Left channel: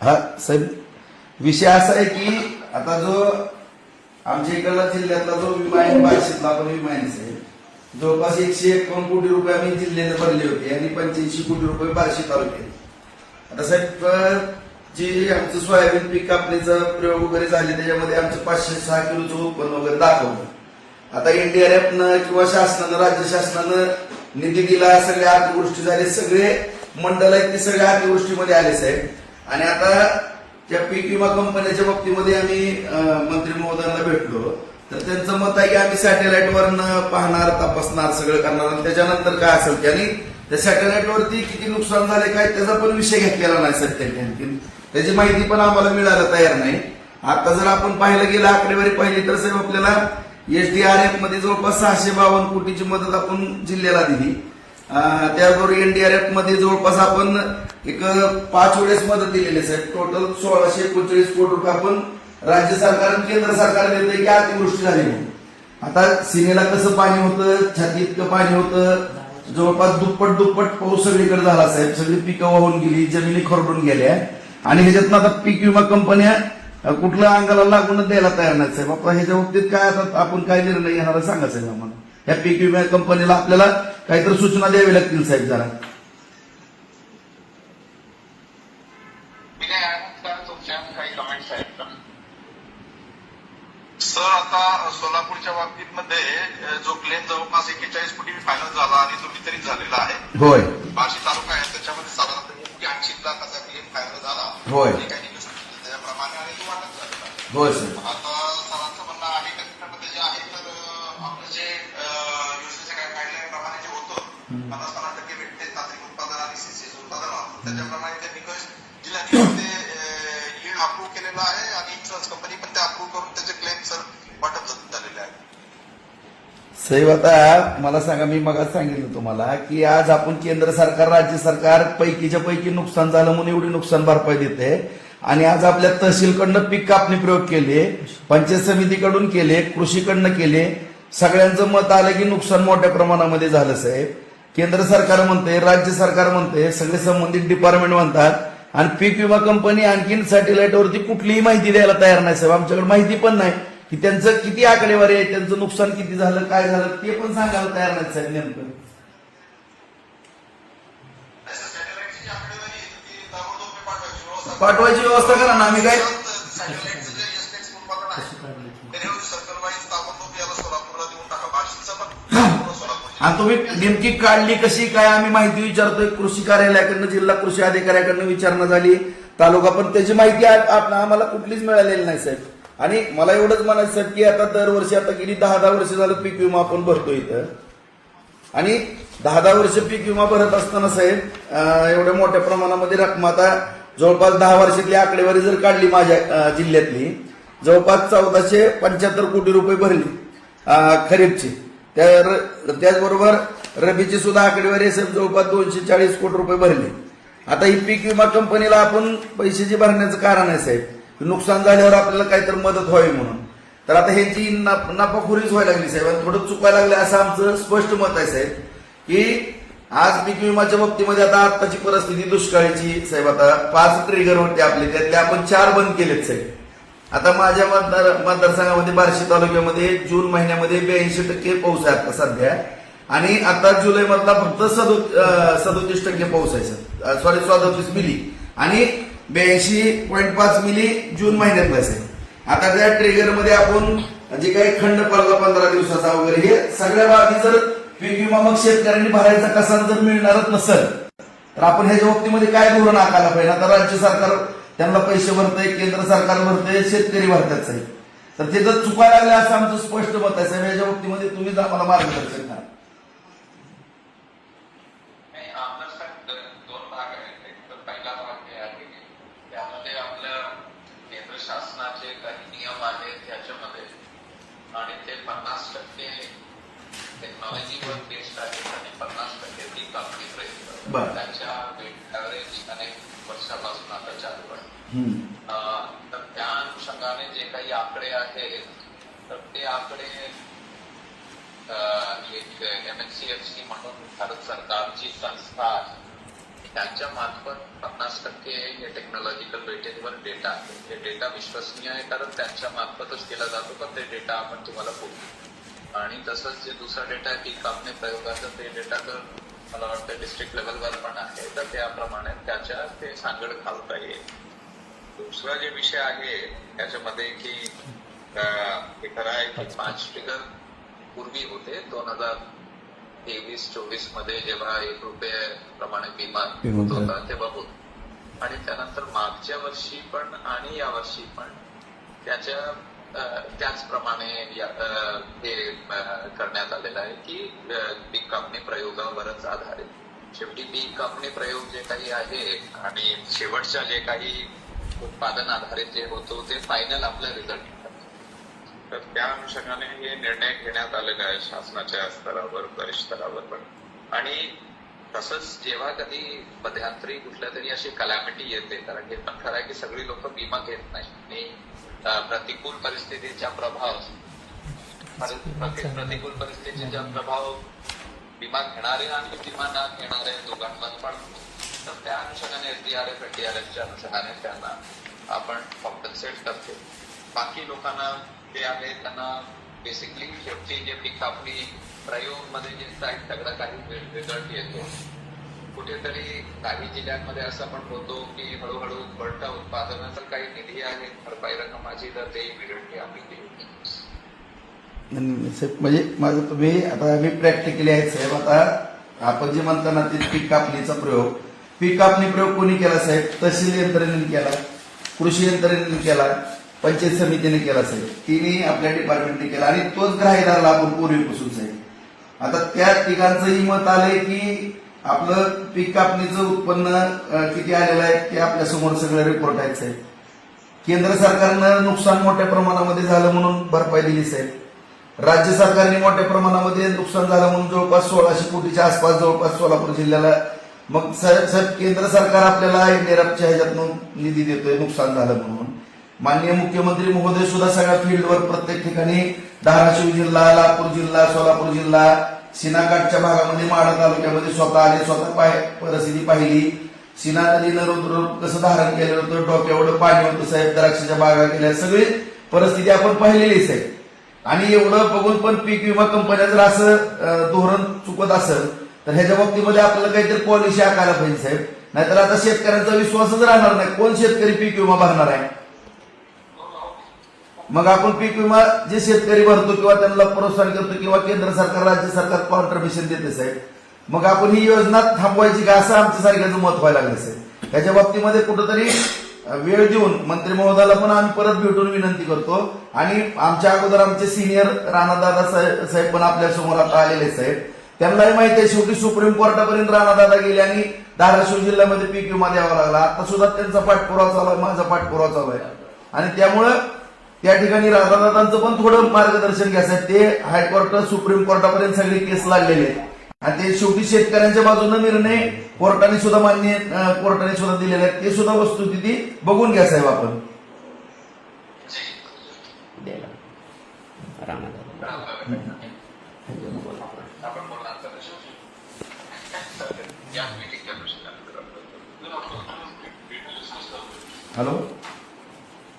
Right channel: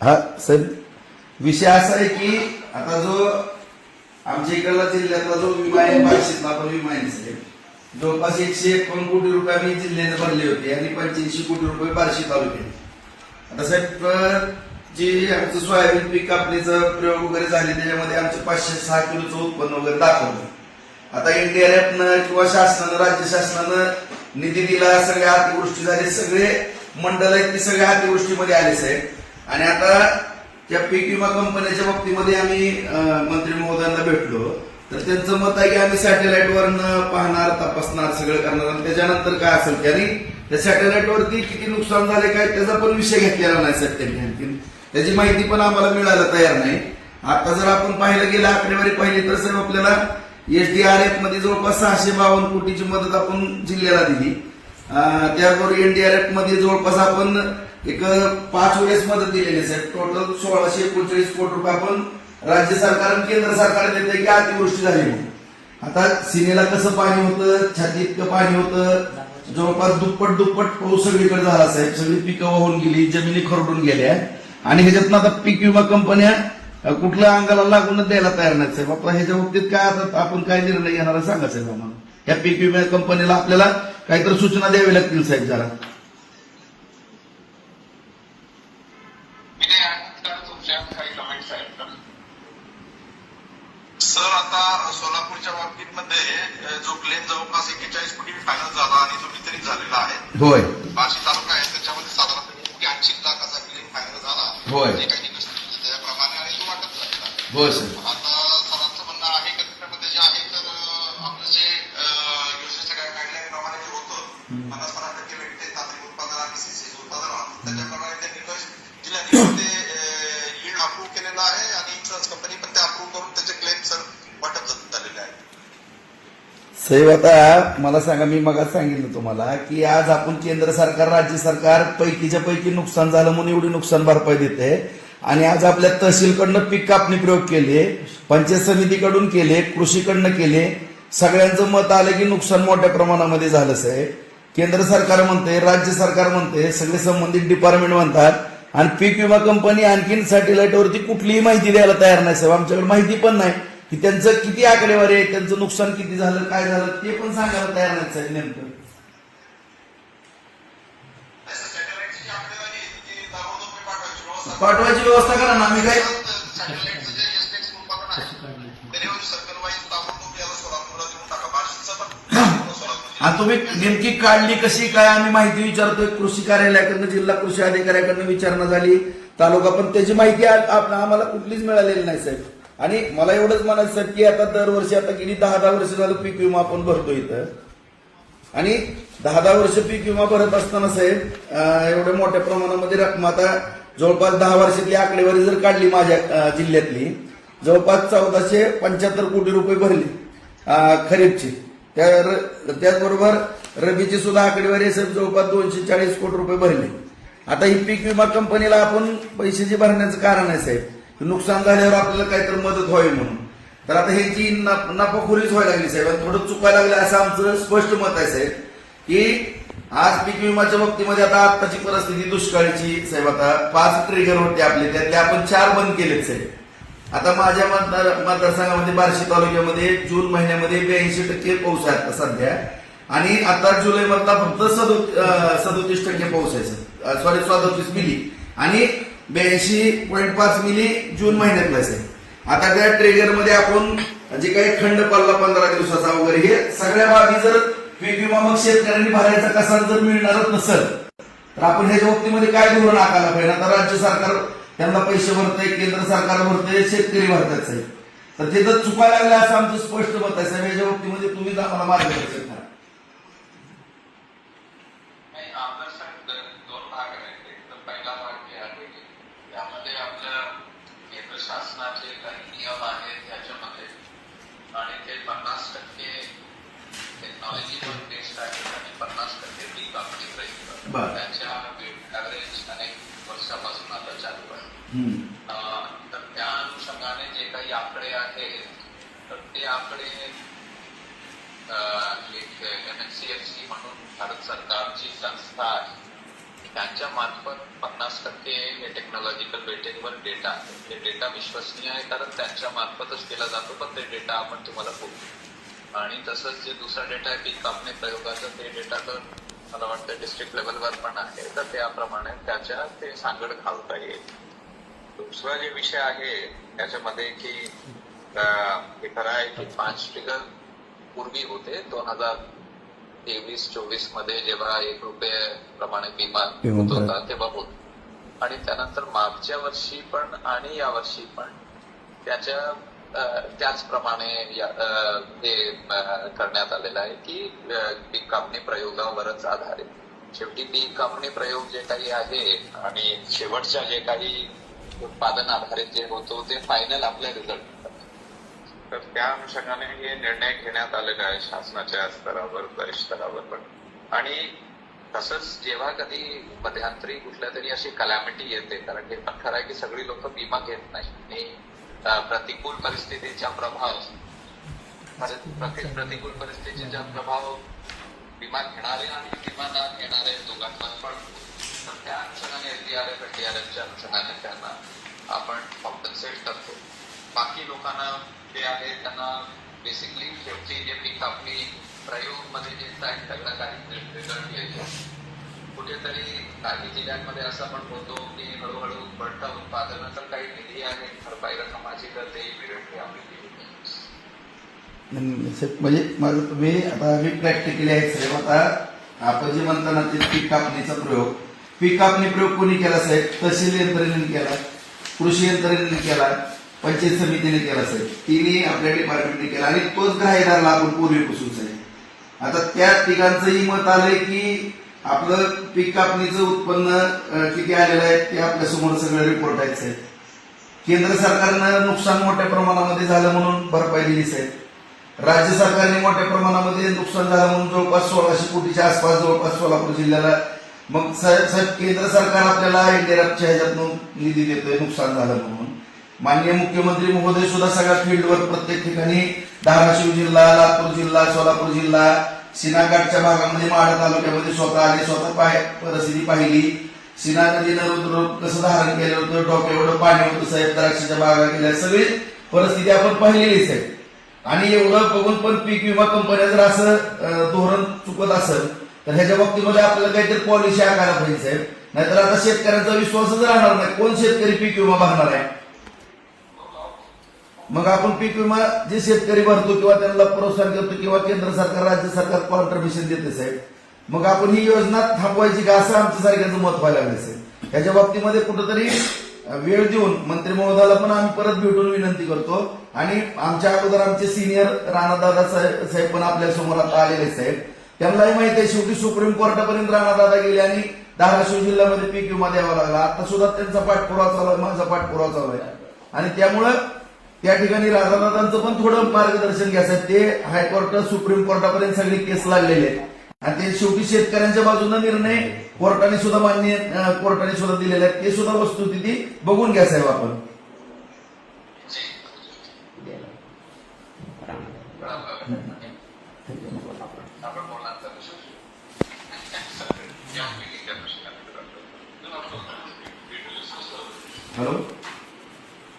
हा साहेब, विषय असा आहे की आता जो आमच्या इकडला जिल्ह्यातला जो विमा आहे बार्शीतला आपण विमा आहे साहेब, जवळपास 151 कोटी रुपये आम्ही जिल्ह्याने भरले होते आणि 85 कोटी रुपये बार्शी तालुक्यात. आता साहेब जी आमचं सोयाबीन पीक कापणीचा प्रयोग वगैरे झाले त्याच्यामध्ये आमचं 506 किलोचं उत्पन्न वगैरे दाखवलं. आता एनडीआरएफनं किंवा शासनानं, राज्य शासनानं निधी दिला, सगळ्या अतिवृष्टी झाली, सगळे मंडळ आहेत ते सगळ्या अतिवृष्टीमध्ये आले साहेब. आणि आता त्या पीक विमा कंपनीच्या बाबतीमध्ये आम्ही मंत्री महोदयांना भेटलो तर त्यांचं मत आहे की आम्ही सॅटेलाइटवरनं पाहणार, तपासणार, सगळं करणार आणि त्याच्यानंतर काय असेल की आणि त्या सॅटेलाइटवरती किती नुकसान झाले काय त्याचा पण विषय घेतलेला नाही सर. त्यांनी त्याची माहिती पण आम्हाला मिळायला तयार नाही. आता जर आपण पाहिलं गेलं आकडेवारी पाहिली तर साहेब आपल्याला एसडीआरएफ मध्ये जवळपास 652 कोटीची मदत आपण जिल्ह्याला दिली. त्याचबरोबर एनडीआरएफ मध्ये जवळपास आपण एक 5 वेळेस मदत दिलेली आहे साहेब. टोटल 1639 कोटी रुपये आपण राज्य सरकार आणि केंद्र सरकार देते की अतिवृष्टी झाली म्हणून. आता सीमेला कसं पाणी होतं, छाती इतकं पाणी होतं, जवळपास दुप्पट पाऊस सगळीकडे झाला साहेब. सगळी पिकं वाहून गेली, जमिनी खरडून गेल्या आणि ह्याच्यातनं आता पीक विमा कंपन्या कुठल्या अंगाला लागूनच द्यायला तयार नाही साहेब. आपण ह्याच्या बाबतीत काय आता आपण काय निर्णय घेणार सांगा साहेब आम्हाला. या पीक विमा कंपनीला आपल्याला काहीतरी सूचना द्यावी लागतील साहेब जरा. सर आता सोलापूरच्या बाबतीमध्ये जो क्लेम जवळपास 41 कोटी फायनल झाला आणि तो वितरित झालेला आहे. होय. बार्शी तालुका आहे त्याच्यामध्ये साधारणतः 80 लाखाचा क्लेम फायनल झाला. होय. काही त्याप्रमाणे आणि तो वाटप झालेला आहे. होय सर. आता सरांचं म्हणणं आहे का त्याच्यामध्ये जे आहे तर आपलं जे योजनेच्या गाईडलाईन प्रमाणे जे होतं 50% भेटते तांत्रिक उत्पादन आणि सीसीएस उत्पादन त्याच्याप्रमाणे ते निकष जिल्ह्याने लीड अप्रूव्ह केलेला आहे आणि इन्शुरन्स कंपनी पण ते अप्रूव्ह करून त्याचे क्लेम सर वाटप झालेले आहे. साहेब आता मला सांगा, मी मग सांगितलं तुम्हाला की आज आपण केंद्र सरकार, राज्य सरकार पैकीच्या पैकी नुकसान झालं म्हणून एवढी नुकसान भरपाई देते आणि आज आपल्या तहसीलकडनं पीक कापणी प्रयोग केले, पंचायत समितीकडून केले, कृषीकडनं केले, सगळ्यांचं मत आलं की नुकसान मोठ्या प्रमाणामध्ये झालं साहेब. केंद्र सरकार म्हणते, राज्य सरकार म्हणते, सगळे संबंधित डिपार्टमेंट म्हणतात आणि पीक विमा कंपनी आणखीन सॅटेलाइटवरती कुठलीही माहिती द्यायला तयार नाही साहेब. आमच्याकडे माहिती पण नाही की त्यांचं किती आकडेवारी आहे, त्यांचं नुकसान किती झालं, काय झालं ते पण सांगायला तयार नाही साहेब. नेमकं पाठवायची व्यवस्था करा ना. आम्ही काय आणि तुम्ही नेमकी काढली कशी काय आम्ही माहिती विचारतोय. कृषी कार्यालयाकडनं, जिल्हा कृषी अधिकाऱ्याकडनं विचारणा झाली, तालुका, पण त्याची माहिती आम्हाला कुठलीच मिळालेली नाही साहेब. आणि मला एवढंच म्हणायचं साहेब की आता दरवर्षी आता गेली 10-10 वर्ष झालं पीक विमा आपण भरतो इथं आणि 10-10 वर्ष पीक विमा भरत असताना साहेब एवढ्या मोठ्या प्रमाणामध्ये रक्कम आता जवळपास 10 वर्षातली आकडेवारी जर काढली माझ्या जिल्ह्यातली जवळपास 1475 कोटी रुपये भरली खरीपची. त्याचबरोबर रबीची सुद्धा आकडेवारी साहेब जवळपास 240 कोटी रुपये भरले. आता ही पीक विमा कंपनीला आपण पैसे जे भरण्याचं कारण आहे साहेब, नुकसान झाल्यावर आपल्याला काहीतरी मदत व्हावी म्हणून. तर आता ह्याची नफाखोरीच व्हायला लागली साहेब आणि थोडं चुकायला लागलं असं आमचं स्पष्ट मत आहे साहेब. की आज पीक विमाच्या बाबतीमध्ये आता आत्ताची परिस्थिती दुष्काळाची साहेब. आता 5 ट्रिगर होते आपले, त्यातले आपण 4 बंद केलेत साहेब. आता माझ्या मतदारसंघामध्ये बार्शी तालुक्यामध्ये जून महिन्यामध्ये 82% पाऊस आहे आता सध्या आणि आता जुलै मधला फक्त 37% पाऊस आहे सॉरी 37 मिली आणि 82.5 मिली जून महिन्यातला आहे. आता त्या ट्रिगरमध्ये आपण जे काही खंड पडला 15 दिवसाचा वगैरे हे सगळ्या बाबी जर पीक विमा मग शेतकऱ्यांनी भरायचा कसा जर मिळणारच नसेल तर आपण ह्याच्या बाबतीमध्ये काय धोरण आखायला पाहिजे. आता राज्य सरकार त्यांना पैसे भरतंय, केंद्र सरकार भरतंय, शेतकरी भरतात साहेब. तर ते जर चुकायला लागले असं आमचं स्पष्ट मत आहे साहेब. याच्या बाबतीमध्ये तुम्हीच आम्हाला मार्गदर्शन करा. शासनाचे काही नियम आहेत त्याच्यामध्ये आणि ते 50% टेक्नॉलॉजीवर बेस्ड आहेत आणि 50% पीक कापणी प्रयत्न त्याच्या ऍव्हरेज अनेक वर्षापासून आता चालू आहे. तर त्या अनुषंगाने जे काही आकडे आहेत तर ते आकडे एक MNCFC म्हणून भारत सरकारची संस्था आहे त्यांच्या मार्फत 50% हे टेक्नॉलॉजिकल वेटेजवर डेटा आहे. हे डेटा विश्वसनीय आहे कारण त्यांच्या मार्फतच केला जातो, पण ते डेटा आपण तुम्हाला बोलतो. आणि तसंच जे दुसरा डेटा आहे पीक कापणी प्रयोगाचं, ते डेटा तर मला वाटतं डिस्ट्रिक्ट लेवलवर पण आहे, तर त्याप्रमाणे त्याच्या ते सांगड घालता येईल. दुसरा जे विषय आहे त्याच्यामध्ये की हे खरं आहे की 5 फिगर पूर्वी होते 2023-24 मध्ये जेव्हा ₹1 प्रमाणे विमा होत होता तेव्हा होत, आणि त्यानंतर मागच्या वर्षी पण आणि या वर्षी पण त्याचप्रमाणे हे करण्यात आलेलं आहे की पीक कापणी प्रयोगावरच आधारित. शेवटी पीक कापणी प्रयोग जे काही आहे आणि शेवटच्या जे काही उत्पादन आधारित जे होतो ते फायनल आपलं रिझल्ट. तर त्या अनुषंगाने हे निर्णय घेण्यात आलेले आहे शासनाच्या स्तरावर, वरिष्ठ स्तरावर पण. आणि तसंच जेव्हा कधी मध्यांतरी कुठल्या तरी अशी कलॅमिटी येते, कारण हे पण खरं आहे की सगळी लोक विमा घेत नाही आणि प्रतिकूल परिस्थितीचा प्रभाव विमा घेणारे आणि विमा न घेणारे दोघांवर पण. तर त्या अनुषंगाने एनडीआरएफच्या अनुषंगाने त्यांना आपण कॉम्पन्सेट करतो. बाकी लोकांना जे आहे त्यांना बेसिकली शेवटी जे पीक कापणी प्रयोग मध्ये जे सगळं काही रिझल्ट येतो, कुठेतरी काही जिल्ह्यांमध्ये असं पण होतो की हळूहळू बढतं उत्पादन, तर काही निधी आहे भरपाई रक्कम माझी, तर ते इमिडिएटली आपली म्हणजे माझं तुम्ही आता आम्ही प्रॅक्टिकली आहेत साहेब. आता आपण जे म्हणता ना ते पीक कापणीचा प्रयोग, पीक कापणी प्रयोग कोणी केला साहेब? तहसील यंत्रणेने केला, कृषी यंत्रणेने केला, पंचायत समितीने केला साहेब. तिन्ही आपल्या डिपार्टमेंटने केला आणि तोच ग्राह्यदारला आपण पूर्वीपासून साहेब. आता त्या तिघांचंही मत आलंय की आपलं पीक कापणीचं उत्पन्न किती आलेलं आहे ते आपल्या समोर सगळे रिपोर्ट आहेत साहेब. केंद्र सरकारनं नुकसान मोठ्या प्रमाणामध्ये झालं म्हणून भरपाई दिली साहेब. राज्य सरकारने मोठ्या प्रमाणामध्ये नुकसान झालं म्हणून जवळपास 1600 कोटीच्या आसपास जवळपास सोलापूर जिल्ह्याला. मग साहेब केंद्र सरकार आपल्याला एनडीआरएफच्या ह्याच्यातून निधी देतोय नुकसान झालं म्हणून. माननीय मुख्यमंत्री महोदय सुद्धा सगळ्या फील्डवर प्रत्येक ठिकाणी धाराशिव जिल्हा, लातूर जिल्हा, सोलापूर जिल्हा, सीनाकाठच्या भागामध्ये माढा तालुक्यामध्ये स्वतः आले, स्वतः परिस्थिती पाहिली. सीना नदीनं रुद्र कसं धारण केलं होतं, डोक्यावर पाणी होतं साहेब, द्राक्षाच्या बागा केल्या, सगळी परिस्थिती आपण पाहिलेली साहेब. आणि एवढं बघून पण पीक विमा कंपन्या जर असं धोरण चुकत असेल तर ह्याच्या बाबतीमध्ये आपल्याला काहीतरी पॉलिसी आखायला पाहिजे साहेब. नाहीतर आता शेतकऱ्यांचा विश्वासच राहणार नाही. कोण शेतकरी पीक विमा भरणार आहे? मग आपण पीक विमा जे शेतकरी भरतो किंवा त्यांना प्रोत्साहन करतो किंवा केंद्र सरकार, राज्य सरकार कॉन्ट्रिब्युशन देते साहेब, मग आपण ही योजना थांबवायची का असं आमच्या सारख्याचं मत व्हायला लागलं साहेब. ह्याच्या बाबतीमध्ये कुठंतरी वेळ देऊन मंत्री महोदयाला पण आम्ही परत भेटून विनंती करतो. आणि आमच्या अगोदर आमचे सिनियर राणादादा साहेब पण आपल्या समोर आता आलेले साहेब. त्यांनाही माहिती आहे शेवटी सुप्रीम कोर्टापर्यंत राणादादा गेले आणि धाराशिव जिल्ह्यामध्ये पीक विमा द्यावा लागला. आता सुद्धा त्यांचा पाठपुरावा चालू आहे, माझा पाठपुरावा चालू आहे. आणि त्यामुळं त्या ठिकाणी राणादादांचं पण थोडं मार्गदर्शन घ्यायचं. ते हायकोर्ट, सुप्रीम कोर्टापर्यंत सगळी केस लागलेली आहे आणि ते शेवटी शेतकऱ्यांच्या बाजूने निर्णय कोर्टाने सुद्धा कोर्टाने सुद्धा दिलेले आहेत. ते सुद्धा वस्तुस्थिती बघून घ्या साहेब आपण. आपण बोलणार हॅलो.